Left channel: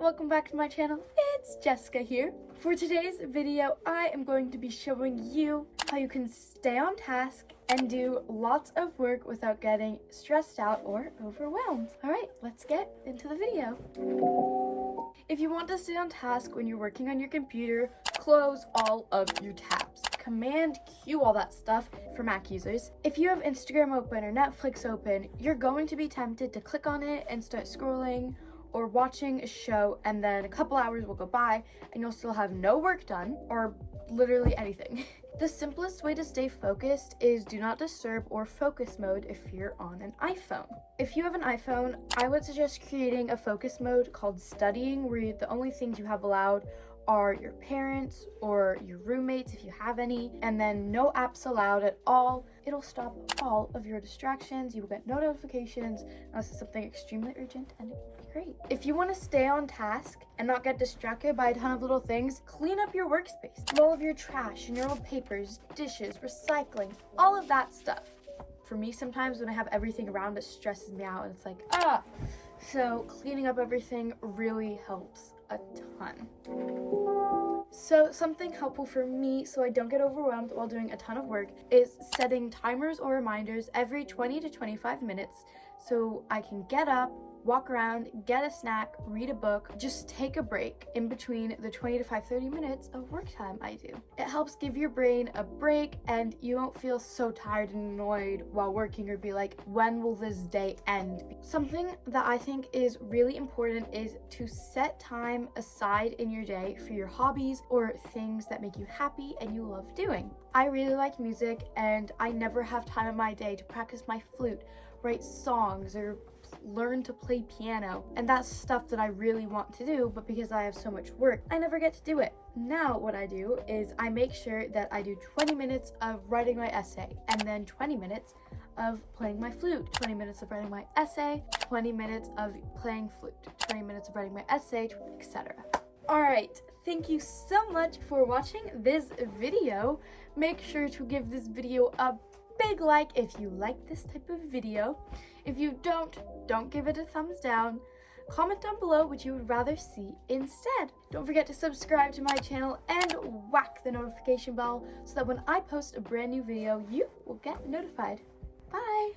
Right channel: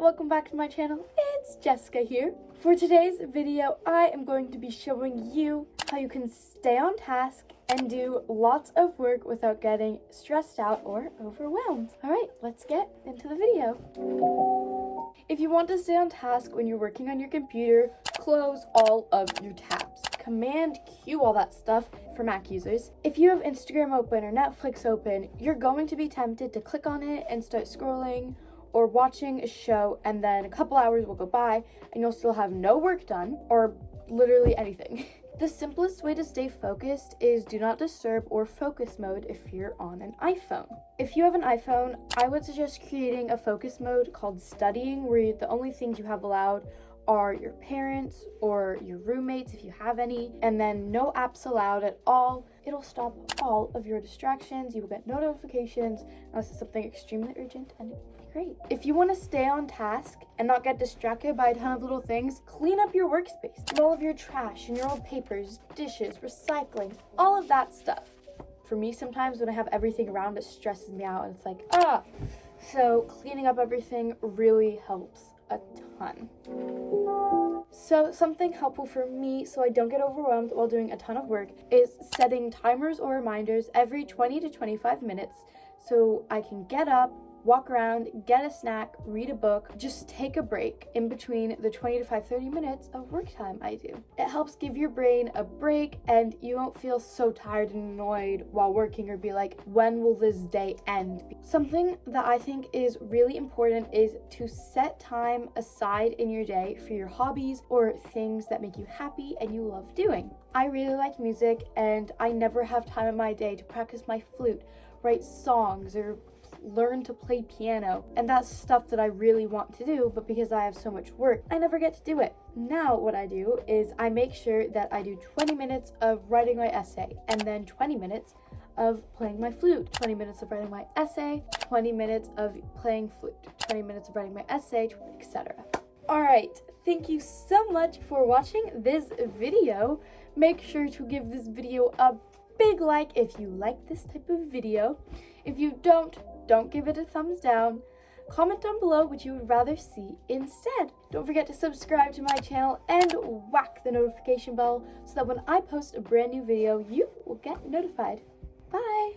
welcome back to my channel. It's Jessica here. For today's video, I am going to be showing you how you can stay on task and do lots of work without getting stressed out or overwhelmed. All right, let's get into the video. If you want to stay on task when you're working on your computer, close all of your tabs. Command Q all that stuff for Mac users. If you have Instagram open or Netflix open, you're going to be tempted to click on it and start scrolling or watching a show, and then a couple hours will go by and you'll still have no work done or literally anything. The simplest way to stay focused is do not disturb or focus mode if you're on an iPhone. If you have an iPhone, I would suggest creating a focus mode called studying, where the only things you have allowed are your parents or your roommates if you have any, and then no apps allowed at all. It'll stop all of your distractions. You will get no notifications unless it's something extremely urgent, and it'll be great. If you want to stay on task and not get distracted by a ton of little things, clean up your workspace. All of your trash and your old papers, dishes, recycling, all of that stuff. For me, sometimes when I have everything around, it stresses me out and it's like, So cleaning up everything really helps a ton. So something helpful for me so I don't get overwhelmed while doing a ton of work is setting timers or reminders every 20 to 25 minutes so I can get up, walk around, get a snack, read a book, just take a break in between the 20 to 30 minutes of work time I do. It helps give your brain a break and you won't feel so tired and annoyed while working or be like, when will this day end? Something that I think is really important is to set time aside in your day for your hobbies or things that make you happy and you love doing. I really like music and I never have time in my day to practice my flute, write songs, or learn to play piano, and that's stuff that I really want to do, but because I have so much work, I never get to do it. Now what I do is I make sure that I do 20 minutes of writing my essay and then 20 minutes of playing my flute, 20 minutes of writing my essay, 20 minutes of playing flute, 20 minutes of writing my essay, etc. All right, thank you so much for watching this video. Make sure to give this video a big like if you like this type of video. If you don't give it a thumbs down. Comment down below what you would rather see instead. Don't forget to subscribe to my channel and whack the notification bell so that when I post a brand new video, you will get notified. Bye!